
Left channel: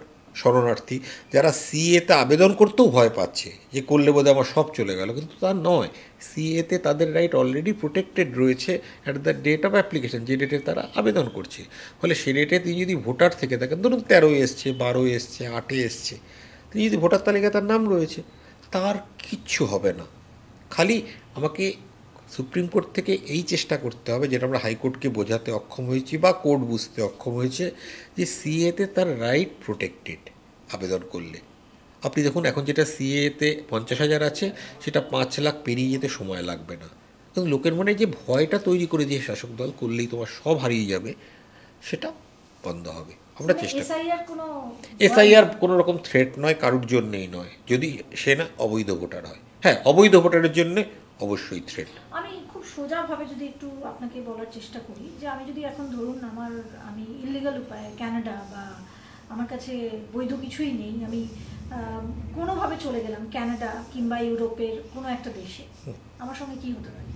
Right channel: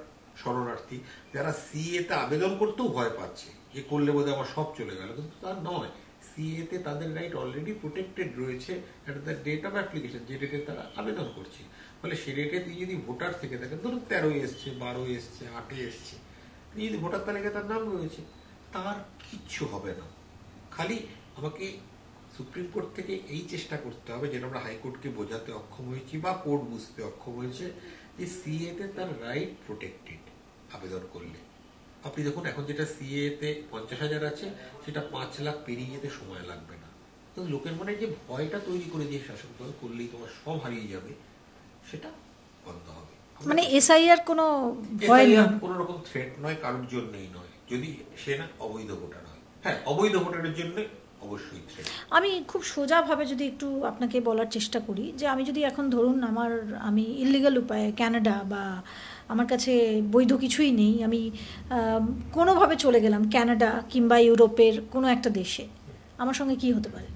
শরণার্থী, যারা সিএতে আবেদন করতেও ভয় পাচ্ছে যে করলে বোধহয় আমার সব চলে গেল, কিন্তু তা নয়। সিএতে তাদের রাইট অলরেডি প্রোটেক্টেড রয়েছে at the date of application, যে ডেটে তারা আবেদন করছে। ফলে সে ডেটে তিনি যদি ভোটার থেকে থাকেন, ধরুন 13 এসছে, 12 এসছে, 8 এসছে, তিনি যদি ভোটার তালিকায় তার নাম রয়েছে, তার কিচ্ছু হবে না। খালি আমাকে সুপ্রিম কোর্ট থেকে এই চেষ্টা করতে হবে, যেটা আমরা হাইকোর্টকে বোঝাতে অক্ষম হয়েছি বা কোর্ট বুঝতে অক্ষম হয়েছে, যে সিএতে তার রাইট প্রোটেক্টেড আবেদন করলে। আপনি দেখুন, এখন যেটা সিএতে 50,000 আছে, সেটা 5 লাখ পেরিয়ে যেতে সময় লাগবে না। কিন্তু লোকের মনে যে ভয়টা তৈরি করে দিয়ে শাসক দল করলেই তোমার সব হারিয়ে যাবে, সেটা বন্ধ হবে। মানে এসআইআর কোনো রকম থ্রেট নয়, কারোর জন্যেই নয়, যদি সে না অবৈধ ভোটার হয়। হ্যাঁ, অবৈধ ভোটারের জন্য অবশ্যই থ্রেট। আমি খুব সোজাভাবে যদি একটু আপনাকে বলার চেষ্টা করি, যে আমি যদি এখন ধরুন আমি ইললিগাল উপায়ে কানাডা, বা আমার কাছে বৈধ কিছুই নেই, আমি কোনোভাবে চলে গেলাম কানাডা কিংবা ইউরোপের কোনো একটা দেশে, আমার সঙ্গে কি হতে পারে?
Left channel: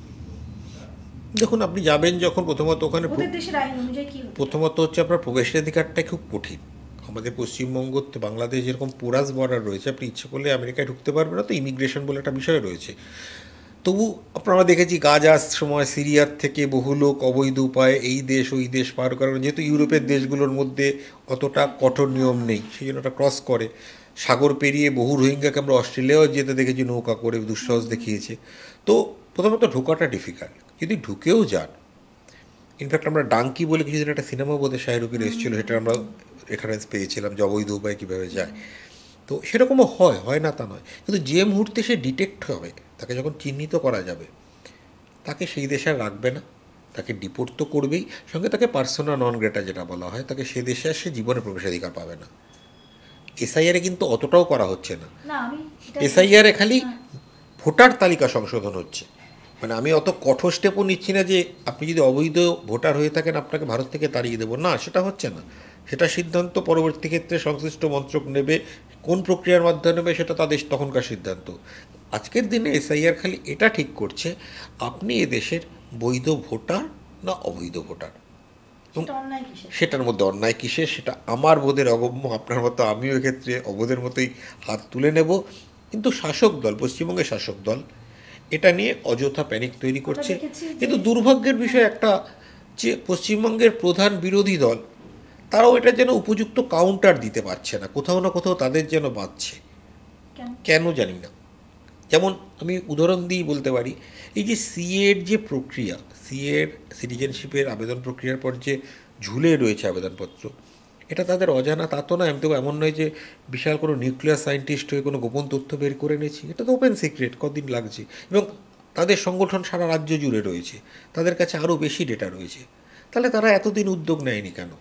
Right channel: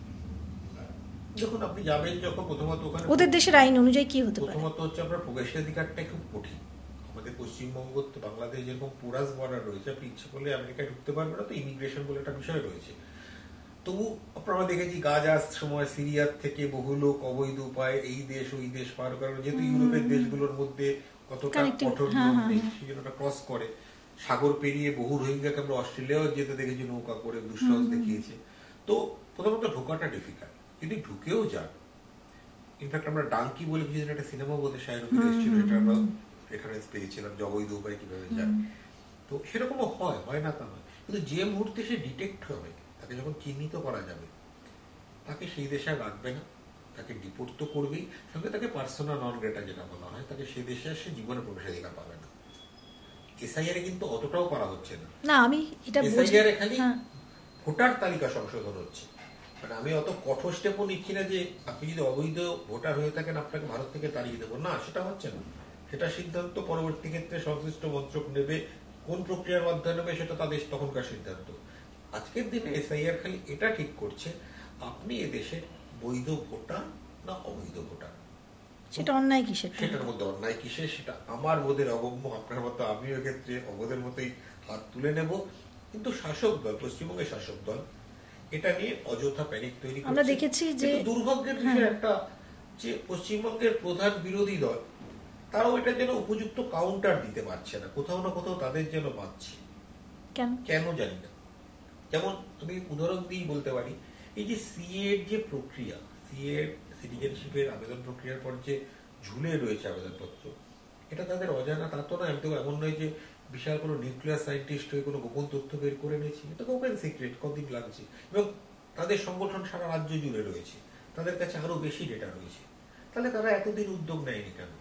দেখুন, আপনি যাবেন যখন, প্রথমত ওখানে ওদের দেশের আইন অনুযায়ী কি হতে পারে? প্রথমত হচ্ছে আপনার প্রবেশাধিকারটা খুব কঠিন। আমাদের পশ্চিমবঙ্গ, বাংলাদেশ যেরকম পোরাস বর্ডার রয়েছে, আপনি ইচ্ছে করলে আমেরিকায় ঢুকতে পারবেন না, তো ইমিগ্রেশন বলে একটা বিষয় রয়েছে। তবু আপনারা দেখেছি গাজার সময় সিরিয়ার থেকে বহু লোক অবৈধ উপায়ে এই দেশ ওই দেশ পার করার, যেহেতু ইউরোপের দেশগুলোর মধ্যে অতটা কঠোর নিয়ম নেই, সেই জন্য ওটা ক্রস করে সাগর পেরিয়ে বহু রোহিঙ্গাকে আমরা অস্ট্রেলিয়াও যেতে দেখেছি, নৌকা করে দুঃসাহস দেখিয়েছে। তো প্রথমত ঢোকাটা ডিফিকাল্ট, যদি ঢুকেও যান, ইনফ্যাক্ট আমরা ডাঙ্কি বলে কিছুদিন একটা সিনেমা বোধহয় শাহরুখের এসেছিলো, সেটা আমরা রেফারেন্স পেয়েছিলাম যে অবৈধ উপায় কীভাবে যায়। তো সেরকমও হয় না তা নয়, কিন্তু যে মুহূর্তে সে ডিটেক্ট হবে, তাকে যখন চিহ্নিত করা যাবে, তাকে সেই দেশে আর রাখবে না, তাকে ডিপোর্ট তো করবেই, সঙ্গে তাকে পার্সোনা নন গ্রেটা যেটা বলা হয়, তাকে সে দেশে আর সে জীবনে প্রবেশাধিকার পাবে না। এসআইআরে কিন্তু অতটাও করা হচ্ছে না, এসআইআরে খালি ভোটার তালিকা সংশোধন হচ্ছে। মানে আমি অত কঠোর স্টেপও নিচ্ছি না যে আপনি যদি অবৈধ ভোটার হয়ে থাকেন আপনাকে ভারত থেকে তাড়িয়ে দেবো, না, সেটা হচ্ছে না। সেটা সিদ্ধান্ত পরবর্তী ক্ষেত্রে সংশ্লিষ্ট মন্ত্রক নেবে, কোন প্রক্রিয়ার মাধ্যমে নেবে সেটা তাদের তখনকার সিদ্ধান্ত। আজকের দিনে এসআইআর খালি এটা ঠিক করছে আপনি এদেশের বৈধ ভোটার না অবৈধ ভোটার, সেটার মধ্যে অন্যায় কিসের সেটা আমার বোধের অগম্য, আপনার মতো আমিও এক্ষেত্রে অবোধের মতোই হাত তুলে নেব। কিন্তু শাসক দল, পশ্চিমবঙ্গের শাসক দল এটা নিয়ে অযথা প্যানিক তৈরি করছে। কিন্তু দুর্ভাগ্যের বিষয় একটা, যে পশ্চিমবঙ্গের প্রধান বিরোধী দল তারাও এটা যেন উপযুক্ত কাউন্টার দিতে পারছে না, কোথাও না কোথাও তাদের যেন বাঁচছে, কেন জানি না। যেমন আমি উদাহরণ দিয়ে বলতে পারি, এই যে সিএর যে প্রক্রিয়া, সিএর সিটিজেনশিপের আবেদন প্রক্রিয়ার পর যে ঝুলে রয়েছে আবেদনপত্র, এটা তাদের অজানা তা তো নয়। আমি তো এমন নয় যে বিশাল কোনো নিউক্লিয়ার সায়েন্টিস্ট হয়ে কোনো গোপন তথ্য বের করে নিয়েছি, এটা তো ওপেন সিক্রেট, কদিন লাগছে। এবং তাদের সংগঠন সারা রাজ্য জুড়ে রয়েছে, তাদের কাছে আরও বেশি ডেটা রয়েছে। তাহলে তারা এতদিন উদ্যোগ নেয়নি কেন?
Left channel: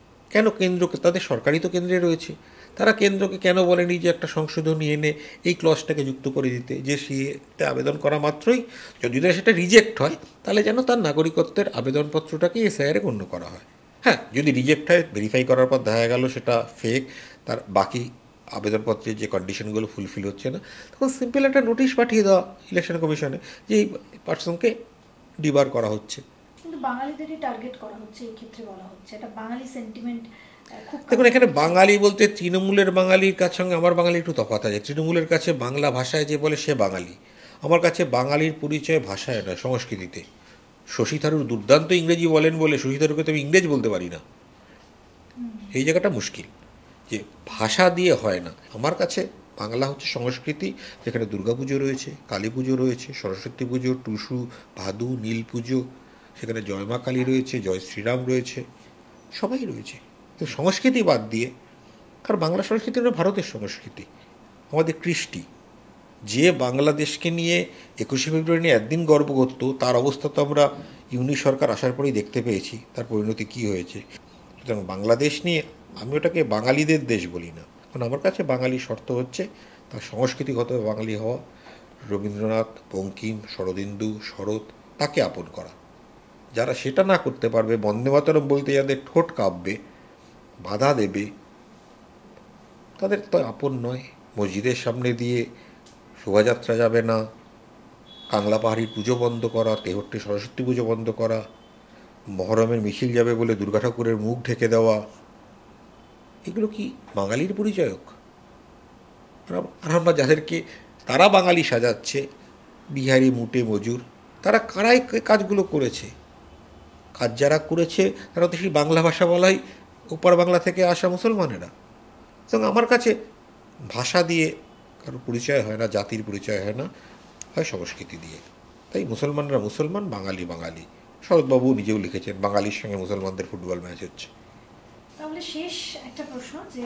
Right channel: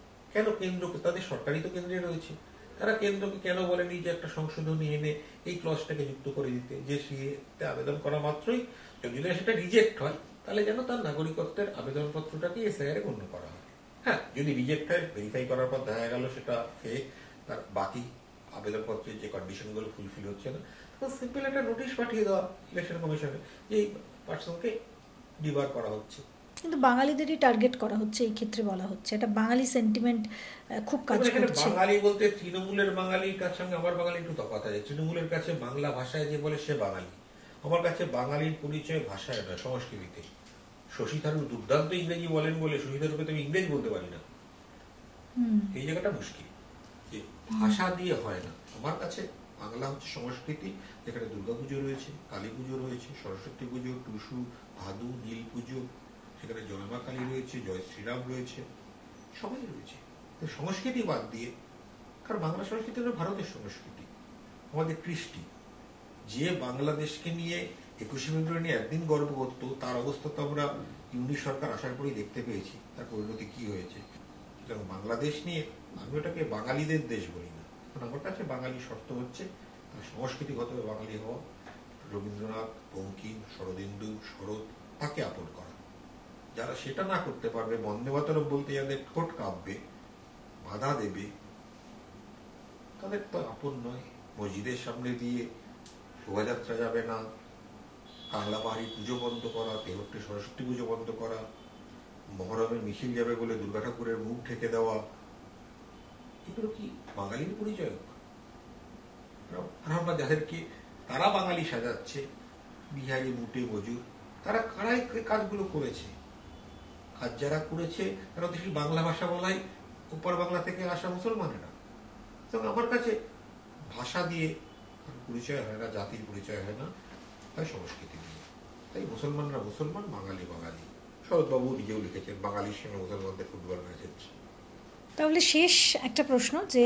কেন্দ্রকে, তাদের সরকারই তো কেন্দ্রে রয়েছে, তারা কেন্দ্রকে কেন বলেনি যে একটা সংশোধনী এনে এই ক্লজটাকে যুক্ত করে দিতে, যে সিএতে আবেদন করা মাত্রই যদি না সেটা রিজেক্ট হয়, তাহলে যেন তার নাগরিকত্বের আবেদনপত্রটাকে এসআইআরে গণ্য করা হয়। হ্যাঁ, যদি রিজেক্ট হয়, ভেরিফাই করার পর দেখা গেল সেটা ফেক, তার বাকি আবেদনপত্রের যে কন্ডিশনগুলো ফুলফিল হচ্ছে না, তখন সিম্পল একটা নোটিশ পাঠিয়ে দেওয়া ইলেকশন কমিশনে যে এই পার্সনকে ডিবার করা হচ্ছে। কিন্তু বাঙালিদেরই টার্গেট করা হচ্ছে এই ক্ষেত্রে, বলা হচ্ছে এটা বাঙালি সেন্টিমেন্ট খুব। দেখুন, এখানে বাঙালি বলতে তৃণমূলের বাঙালির কাছে সঙ্গে আমার বাঙালি একটু তফাৎ আছে। তৃণমূলের কাছে বাংলা ভাষায় যে বলে সে বাঙালি, আমার কাছে বাঙালির পরিচয় ভাষায় নয়, সংস্কৃতিতে। শশী থারুর দুর্দান্ত ইংরেজি বলেন বলে শশী থারুরকে তো আমি ইংরেজ বলতে পারি না, এই জায়গাটা মুশকিল, যে ভাষা দিয়ে হয় না। আমার কাছে বাংলা হচ্ছে সংস্কৃতি, যেখানে দুর্গাপুজো রয়েছে, কালী পুজো রয়েছে, সরস্বতী পুজো, টুসু, ভাদু, নীল পুজো, সেখানে জয় মা কালী রয়েছে, জয় শ্রীরাম রয়েছে, সবাই রয়েছে। তো সংস্কৃতি বাদ দিয়ে, কারণ বাংলা সংস্কৃতি হলো ভারতের সংস্কৃতি, আমাদের কৃষ্টি। যে বাংলাদেশকে নিয়ে 21শে ফেব্রুয়ারি নিয়ে একদিন গর্ব করত, তার অবস্থা তো আমরা ইউনি সরকার আসার পরেই দেখতে পেয়েছি, তার পরিণতি কী হয়েছে। সুতরাং বাংলাদেশ নিয়ে আমি ওটাকে বাঙালিদের দেশ বলি না, কারণ আমার কাছে বাঙালি শর্ত হচ্ছে তার সংস্কৃতিগতভাবে বাঙালি হওয়া, রবীন্দ্রনাথ, বঙ্কিম, শরদিন্দু, শরৎ, তাকে আপন করা। যারা সেটা না করতে পারবে, বন্দে মাতরম বলতে যাদের ঠোঁট কাঁপবে, বাধা দেবে, তাদের তো আপন নয়। মসজিদের সামনে দিয়ে শোভাযাত্রা যাবে না, কাংলা পাহাড়ির পুজো বন্ধ করা, তেহট্টে সরস্বতী পুজো বন্ধ করা, মহরমের মিছিল যাবে বলে দুর্গা ঠাকুরের মুখ ঢেকে দেওয়া, এগুলো কি বাঙালির পরিচয়ক? আর আমরা যাদেরকে তারা বাঙালি সাজাচ্ছে, বিহারি, মুটে, মজুর, তারা কারাই কাজগুলো করেছে? কাজ যারা করেছে তারা তো সেই বাংলা ভাষা বলাই ওপার বাংলা থেকে আসা মুসলমানেরা। এবং আমার কাছে ভাষা দিয়ে কারো পরিচয় হয় না, জাতির পরিচয় হয় না, হয় সংস্কৃতি দিয়ে। তাই মুসলমানরা মুসলমান, বাঙালি বাঙালি। শরৎবাবু নিজেও লিখেছেন বাঙালির সঙ্গে মুসলমানদের ফুটবল ম্যাচ হচ্ছে। তাহলে শেষ একটা প্রশ্ন, যে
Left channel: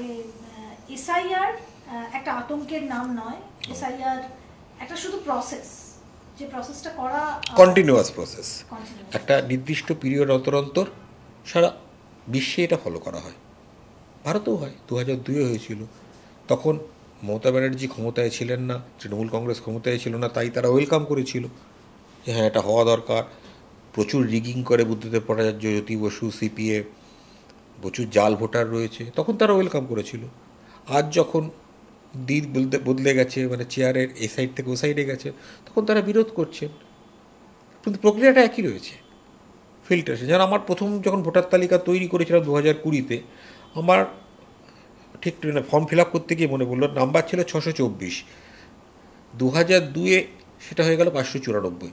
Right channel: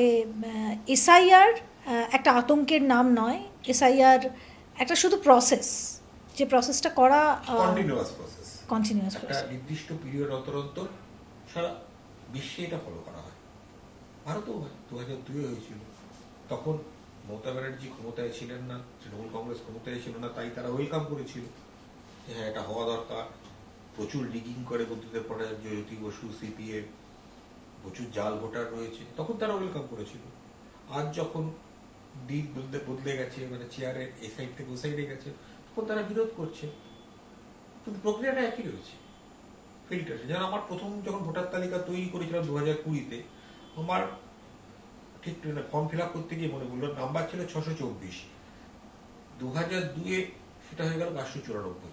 এসআইআর একটা আতঙ্কের নাম নয়, এসআইআর একটা শুধু প্রসেস, যে প্রসেসটা করা কন্টিনিউয়াস প্রসেস, একটা নির্দিষ্ট পিরিয়ড অন্তর অন্তর সারা বিশ্বে এটা ফলো করা হয়, ভারতেও হয়, 2002-এ হয়েছিল। তখন মমতা ব্যানার্জি ক্ষমতায় ছিলেন না, তৃণমূল কংগ্রেস ক্ষমতায় ছিল না, তাই তারা ওয়েলকাম করেছিল যে হ্যাঁ এটা হওয়া দরকার। প্রচুর রিগিং করে বুদ্ধদেব ভট্টাচার্য, জ্যোতি বসু, সিপিএ, প্রচুর জাল ভোটার রয়েছে, তখন তারা ওয়েলকাম করেছিল। আজ যখন দিন বদলে গেছে, মানে চেয়ারের এ সাইড থেকে ও সাইডে গেছে, তখন তারা বিরোধ করছে, কিন্তু প্রক্রিয়াটা একই রয়েছে। ফিল্টার, যেন আমার প্রথম যখন ভোটার তালিকা তৈরি করেছিলাম 2020-তে, আমার ঠিক ফর্ম ফিল আপ করতে গিয়ে মনে পড়লো নাম্বার ছিল 624, 2002-এ সেটা হয়ে গেল 594,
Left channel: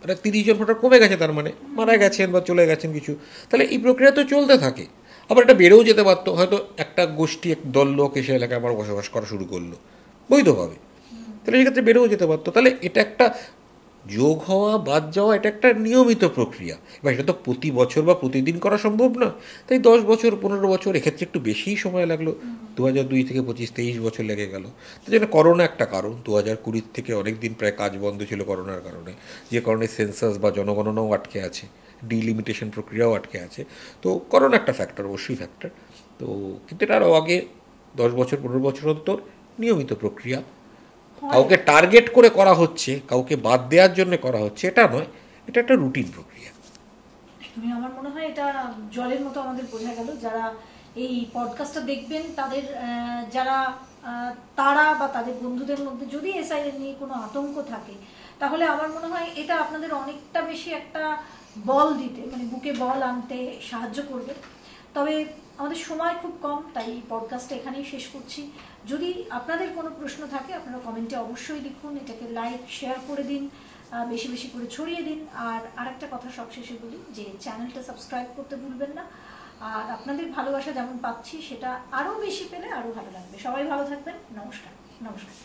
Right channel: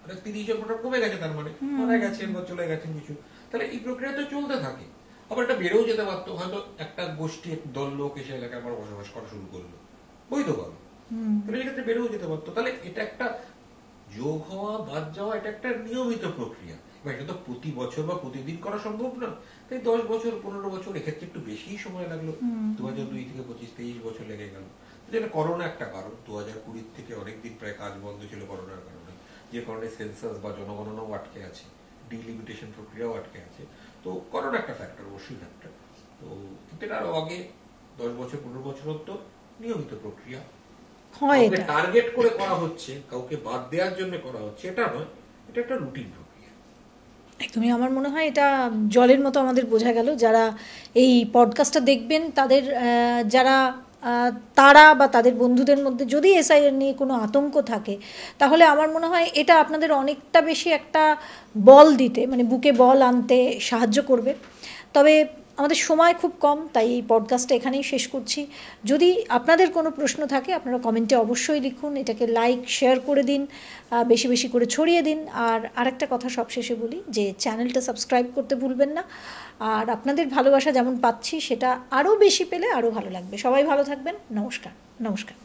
মানে 30 জন ভোটার কমে গেছে, তার মানে মারা গেছেন বা চলে গেছেন কিছু, তাহলে এই প্রক্রিয়া তো চলতে থাকে। আবার এটা বেড়েও যেতে পারতো, হয়তো একটা গোষ্ঠী এক দল লোক এসে এলাকায় আবার বসবাস করা শুরু করলো বৈধভাবে, তাহলে সেক্ষেত্রে বেড়েও যেতে পারতো। তাহলে এটা একটা যোগ হওয়া বাদ যাওয়া, এটা একটা নিয়মিত প্রক্রিয়া। এবার এটা তো প্রতি বছর বা প্রতিদিন করা সম্ভব নয়, তাই 10 বছর 15 বছর, এক্ষেত্রে একটু বেশিই সময় লাগলো। 2002 থেকে 25-23 বছর লেগে গেল। তাই জন্য করোনা একটা কারণ, 2020 থেকে অনেক দিন প্রায় কাজ বন্ধ ছিল করোনার কারণে, যে কারণে সেন্সাস বা জনগণনাও আটকে আছে, ডিলিমিটেশন প্রক্রিয়াও আটকে আছে। তো করোনা একটা ফ্যাক্টর, অবশ্যই ফ্যাক্টর। তো কিন্তু এটা আরও আগে 10 বছর 15 বছর অন্তর নিয়মিত প্রক্রিয়া, হয় কাউকে এটা। টার্গেট করে করা হচ্ছে, কাউকে বাদ দেওয়ার জন্য করা হচ্ছে, এটা নয়, এটা একটা রুটিন প্রক্রিয়া। একদমই, আমার মনে হয় এটা জলের মতো আমাদের বোঝা গেল। যারা এই পডকাস্টটা দেখবেন তাদের যারা তারা বা তাদের বন্ধুদের মধ্যে যদি এসআইআর নিয়ে কোনো আতঙ্ক থাকে, তাহলে আমার মনে হয় এটা আপনাদের অনেকটা বেশি একটা বল দিতে, মানে বুকে বল আনতে সাহায্য করবে। তবে আমাদের সময় খুব কম, তাই এই পডকাস্টটা এখানেই শেষ করছি। যদি আপনাদের কোনো প্রশ্ন থাকে আপনারা কমেন্টে অবশ্যই লিখুন, এটাকে লাইক শেয়ার করে দিন, বেশি বেশি করে ছড়িয়ে দিন। আর আরেকটা কথা সবশেষে বলি, যে চ্যানেলটা সাবস্ক্রাইব করতে ভুলবেন না। আর আপনাদের ভালোবাসা যেমন পাচ্ছি সেটা আরও বেশি পেলে আরও ভালো লাগবে। সবাই ভালো থাকবেন। নমস্কার। নমস্কার।